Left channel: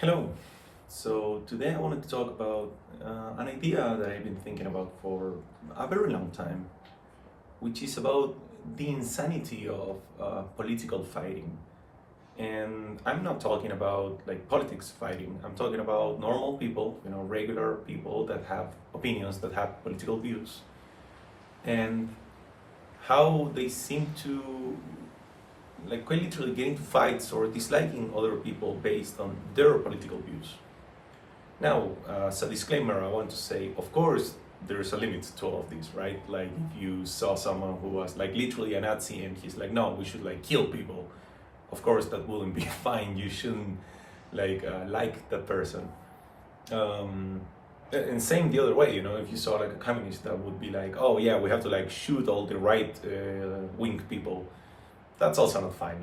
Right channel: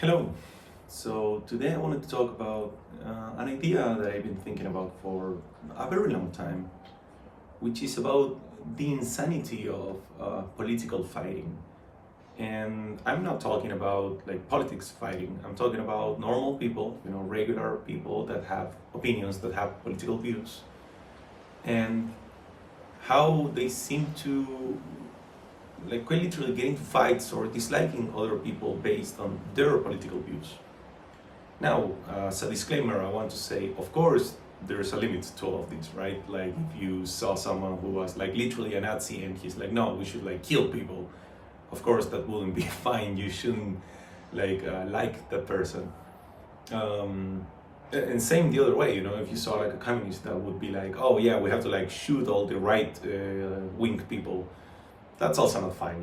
Hello. So today I wanted to talk about an idea that I've been thinking about for a very long time, which is about the insanity of political fighting. And I'm not talking about like politics fighting. I'm talking about normal people, regular people that have opinions, that have political views, and how they seem to like quite literally get into fights or disliking other people based on their political views. Now, as a disclaimer, I want to say, of course, there's a limit to all of this, right? Like, if you saw someone who was like literally a Nazi and he's like, no, we should like kill people, of course, that wouldn't be fine. You shouldn't like that person. And same the other way, if you saw like a communist that would be like, oh yeah, we have to like shoot all the right wing people, that's also not fine.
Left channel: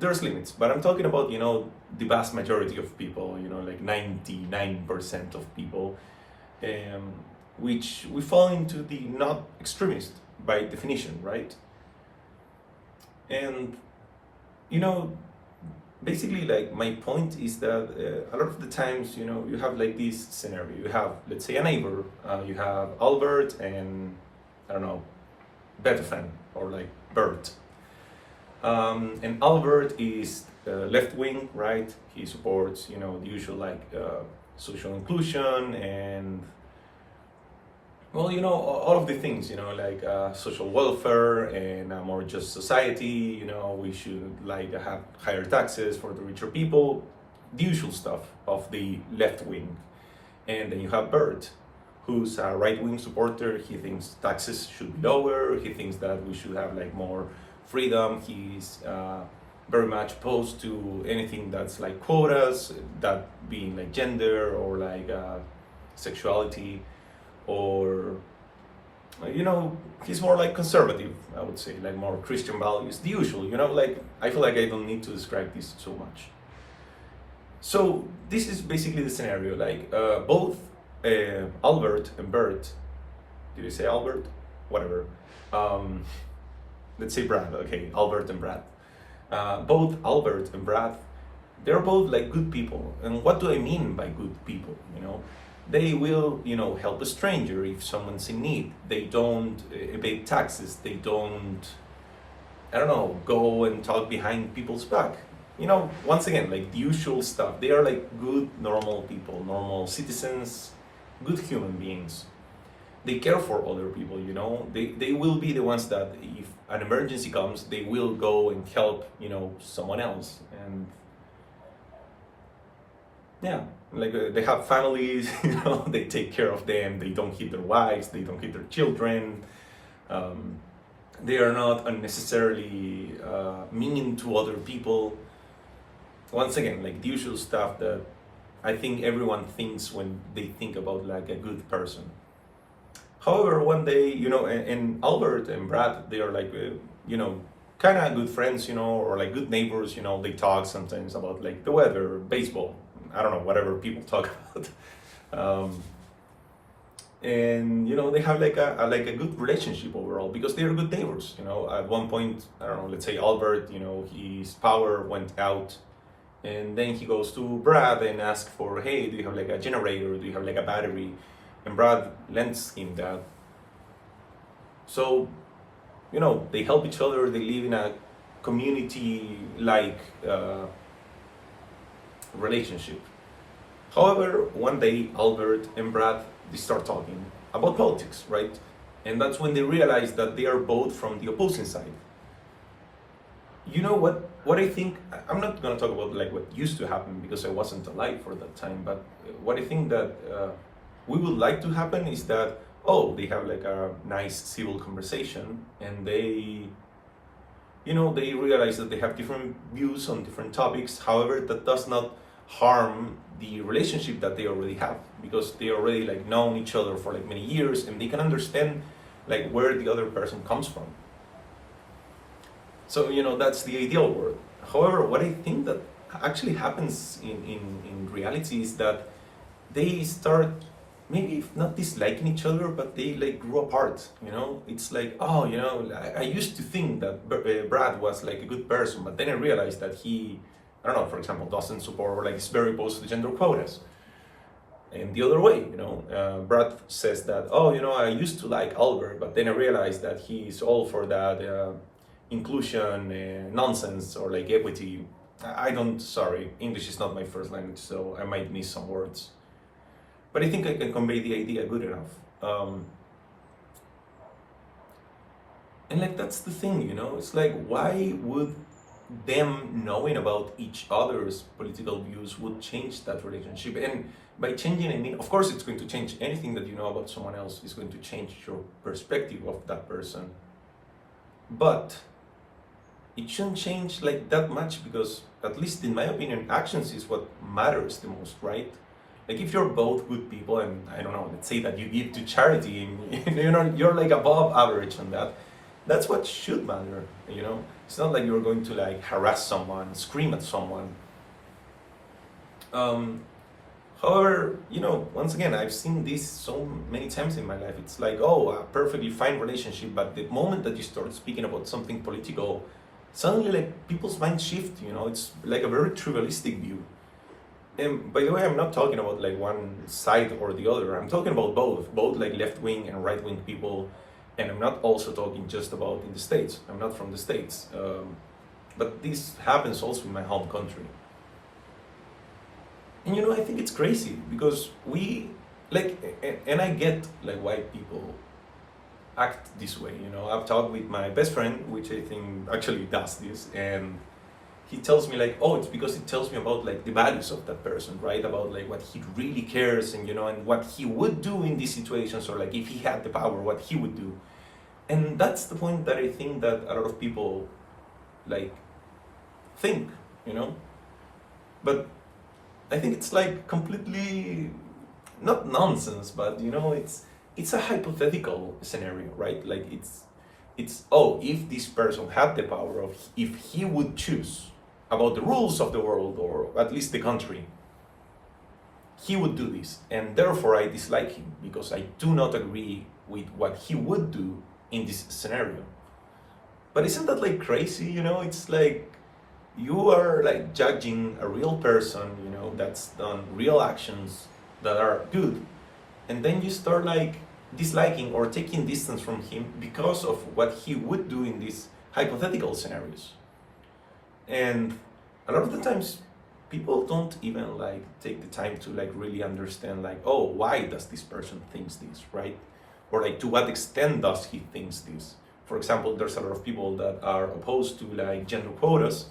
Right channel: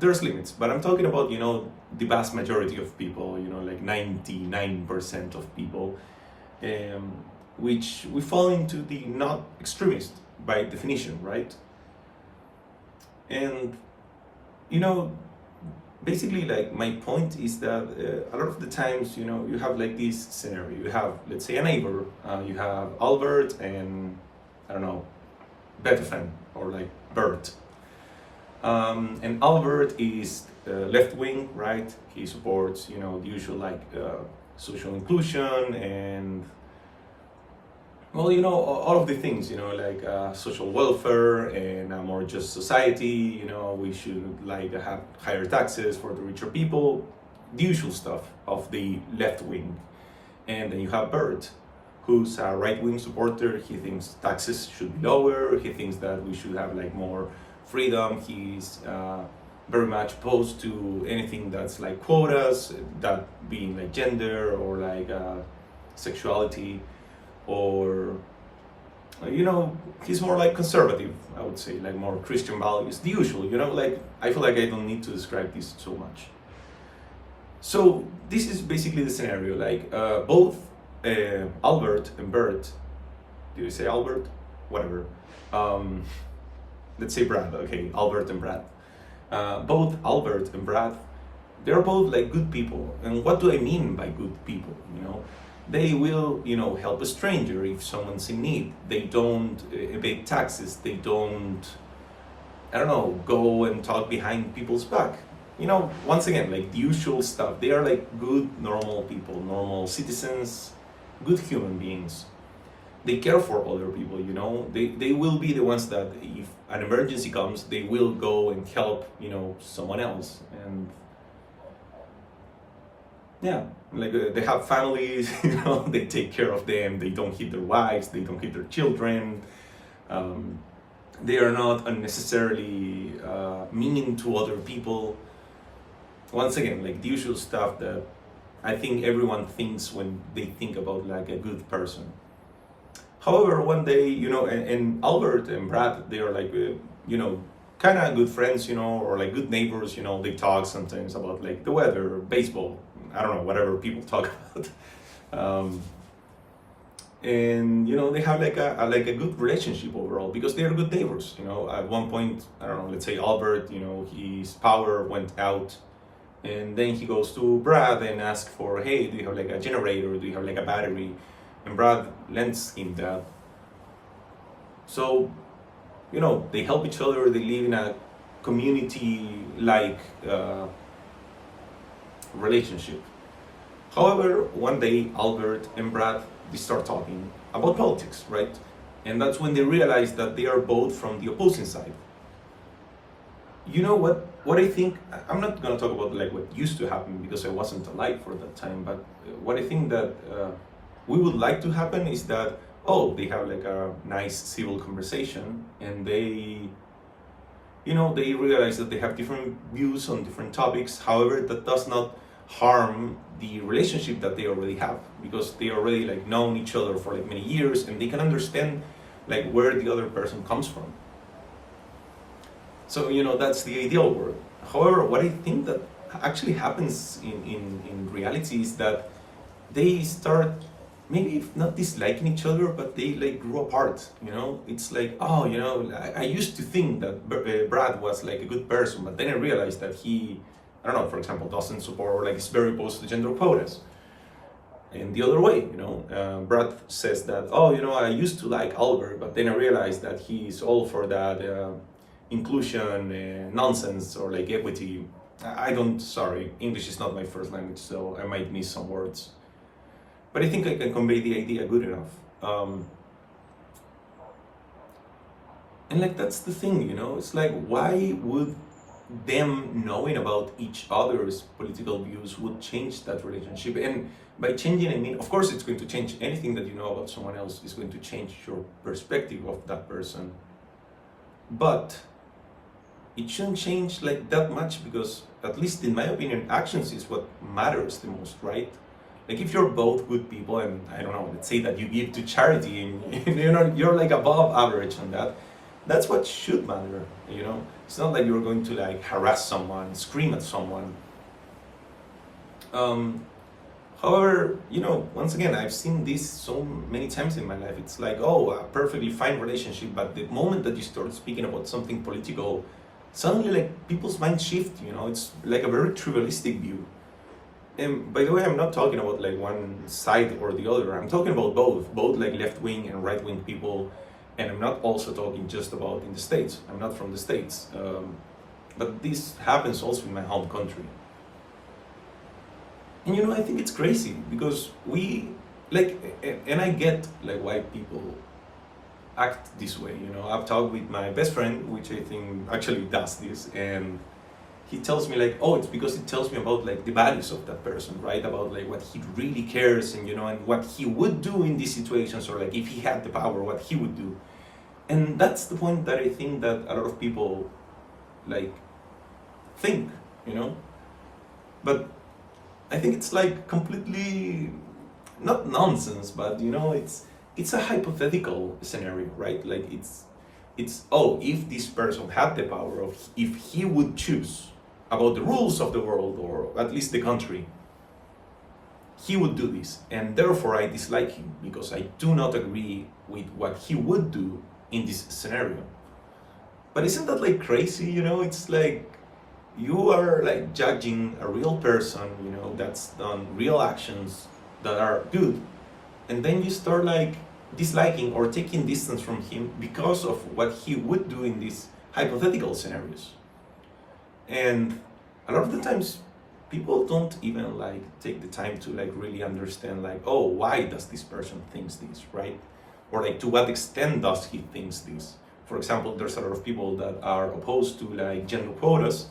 There's limits, but I'm talking about the vast majority of people, like 99% of people, um, which we fall into the not extremist by definition, right? And you know basically, like, my point is that a lot of the times, you have like this scenario. You have, let's say, a neighbor. You have Albert and, I don't know, Beethoven, or like Bert. And Albert is left wing, right? He supports, the usual like social inclusion and, well, all of the things, like social welfare and a more just society. We should like have higher taxes for the richer people, the usual stuff of the left wing. And then you have Bert, who's a right wing supporter. He thinks taxes should be lower. He thinks that we should have like more freedom. He's very much opposed to anything that's like quotas, that being like gender or like sexuality, or he's more like conservative, I would say, like more Christian values, the usual. Like, I feel like I don't need to describe this so much. So this is basically the scenario. Like, both Albert and Bert, do you say Albert? Whatever. Let's say Brad. Okay, Albert and Brad. Both Albert and Brad, they're both like good people. And what do I mean by good people? They will, help a stranger if someone's in need. They don't evade taxes. They don't, I don't know, go and talk behind people's back. Once again, like the usual stuff. They are like good, normal people, normal citizens, good human beings. They care for other people. They will be the ones that, if an emergency comes, they will go and help, someone else. And yeah, like they have families. They take care of them. They don't hit their wives. They don't hit their children. They are not unnecessarily mean to other people. Once again, like the usual stuff that I think everyone thinks when they think about like a good person. However, one day, and Albert and Brad, they are like, kind of good friends, or like good neighbors. They talk sometimes about like the weather, baseball, I don't know, whatever people talk about. And they have like a good relationship overall, because they are good neighbors. At one point, I don't know, let's say Albert, his power went out, and then he goes to Brad and asks for, hey, do you have like a generator? Do you have like a battery? And Brad lends him that. So, they help each other. They live in a community-like relationship. However, one day, Albert and Brad, they start talking about politics, right? And that's when they realize that they are both from the opposing side. What I think, I'm not gonna talk about like what used to happen, because I wasn't alive for that time, but what I think that we would like to happen is that, they have like a nice civil conversation, and they realize that they have different views on different topics. However, that does not harm the relationship that they already have, because they already like known each other for like many years, and they can understand like where the other person comes from. So that's the ideal world. However, what I think that actually happens in reality is that they start, maybe if not disliking each other, but they like grew apart. It's like, I used to think that Brad was like a good person, but then I realized that he, I I don't know, for example, doesn't support or like is very opposed to gender quotas. And the other way, Brad says that, oh, I used to like Albert, but then I realized that he's all for that inclusion nonsense or like equity. I don't, sorry, English is not my first language, so I might miss some words. But I think I can convey the idea good enough. And like, that's the thing, it's like, why would them knowing about each other's political views would change that relationship? And by changing, I mean, of course, it's going to change. Anything that you know about someone else is going to change your perspective of that person. But it shouldn't change like that much, because, at least in my opinion, actions is what matters the most, right? Like, if you're both good people, and I don't know, let's say that you give to charity, and you're like above average on that, that's what should matter, It's not like you're going to like harass someone, scream at someone. However, once again, I've seen this so many times in my life. It's like, oh, a perfectly fine relationship, but the moment that you start speaking about something political, suddenly like people's minds shift, it's like a very trivialistic view. And by the way, I'm not talking about like one side or the other. I'm talking about both like left-wing and right-wing people. And I'm not also talking just about in the States. I'm not from the States. But this happens also in my home country. And I think it's crazy, because we, like, and I get like why people act this way, I've talked with my best friend, which I think actually does this, and he tells me like, oh, it's because it tells me about like the values of that person, right? About like what he really cares, and and what he would do in these situations, or like if he had the power, what he would do. And that's the point that I think that a lot of people like think, But I think it's like completely not nonsense, but it's a hypothetical scenario, right? Like it's oh, if this person had the power, of if he would choose about the rules of the world, or at least the country, he would do this, and therefore I dislike him because I do not agree with what he would do in this scenario. But isn't that like crazy? It's like you are like judging a real person, that's done real actions that are good, and then you start like disliking or taking distance from him because of what he would do in these hypothetical scenarios. And a lot of the times people don't even like take the time to like really understand like, oh, why does this person thinks this, right? Or like to what extent does he thinks this? For example, there's a lot of people that are opposed to like gender quotas.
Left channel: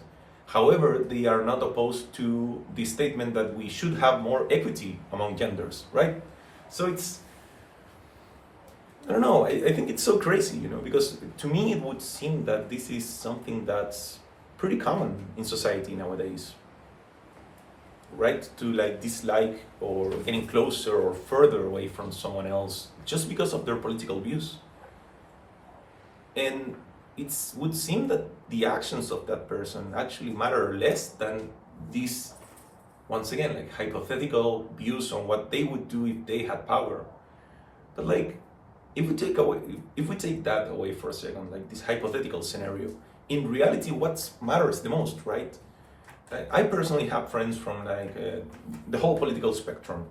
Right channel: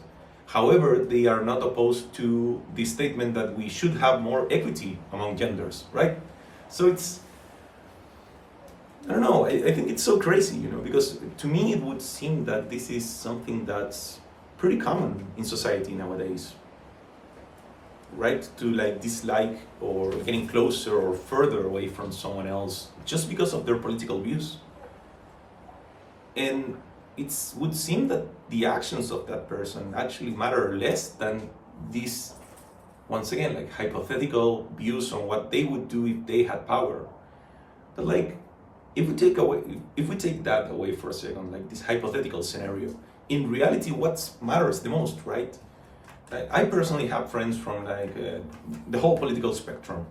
However, they are not opposed to the statement that we should have more equity among genders, right? So it's, I don't know, I think it's so crazy, because to me it would seem that this is something that's pretty common in society nowadays, right? To like dislike or getting closer or further away from someone else just because of their political views. And it would seem that the actions of that person actually matter less than these, once again, like hypothetical views on what they would do if they had power. But like, if we take that away for a second, like this hypothetical scenario, in reality, what matters the most, right? I personally have friends from like the whole political spectrum.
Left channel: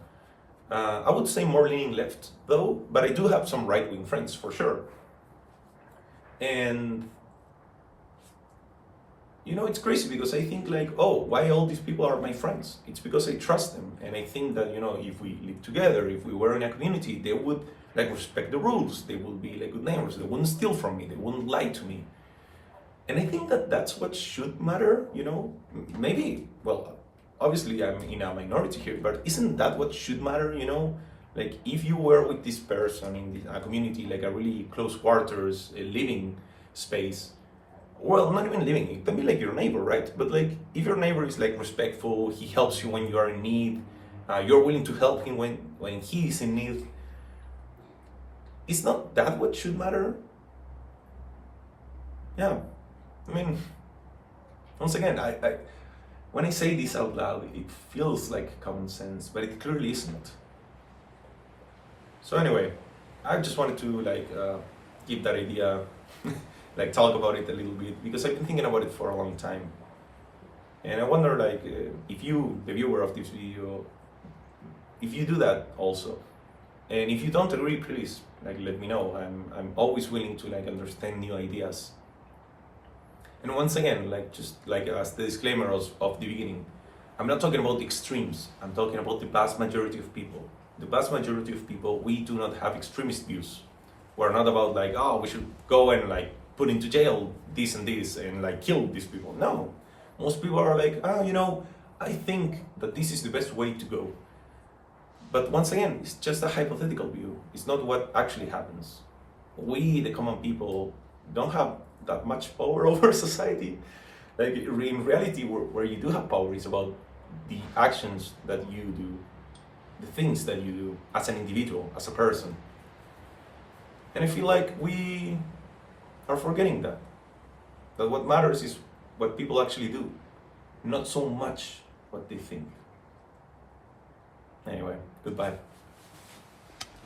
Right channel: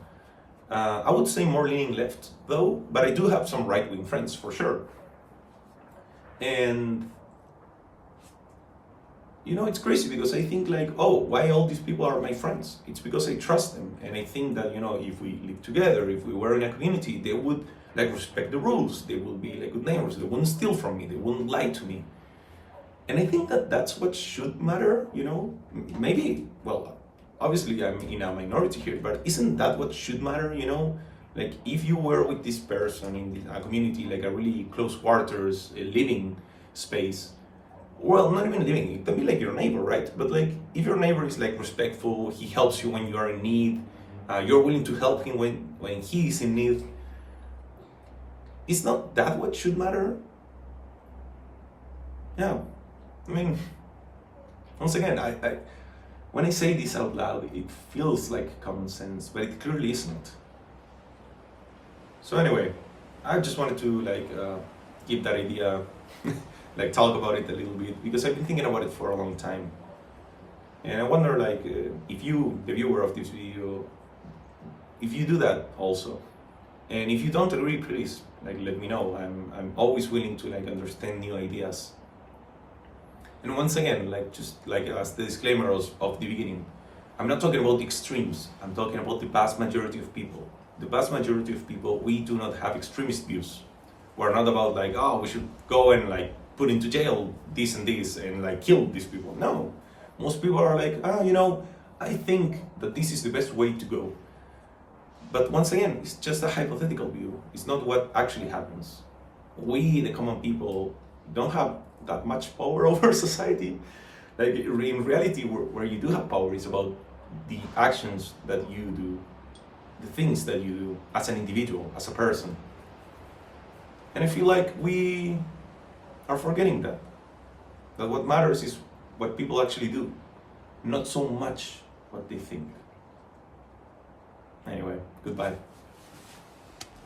I would say more leaning left though, but I do have some right-wing friends for sure. And it's crazy because I think like, oh, why all these people are my friends? It's because I trust them, and I think that if we live together, if we were in a community, they would like respect the rules. They would be like good neighbors. They wouldn't steal from me. They wouldn't lie to me. And I think that that's what should matter. Maybe, well, obviously I'm in a minority here, but isn't that what should matter? Like if you were with this person in a community, like a really close quarters living space, well, not even living, it can be like your neighbor, right? But like if your neighbor is like respectful, he helps you when you are in need, you're willing to help him when he is in need, is not that what should matter? Yeah, I mean, once again, I when I say this out loud, it feels like common sense, but it clearly isn't. So anyway, I just wanted to like give that idea, like talk about it a little bit, because I've been thinking about it for a long time. And I wonder, like, if you, the viewer of this video, if you do that also. And if you don't agree, please, like, let me know. I'm always willing to, like, understand new ideas. And once again, like, just like as the disclaimer of the beginning, I'm not talking about the extremes. I'm talking about the vast majority of people. The vast majority of people, we do not have extremist views. We're not about like, oh, we should go and like put into jail this and this and like kill these people. No, most people are like, I think that this is the best way to go. But once again, it's just a hypothetical view. It's not what actually happens. We, the common people, don't have that much power over society. Like in reality, where you do have power is about the actions that you do, the things that you do as an individual, as a person. And I feel like we are forgetting that what matters is what people actually do, not so much what they think. Anyway, goodbye.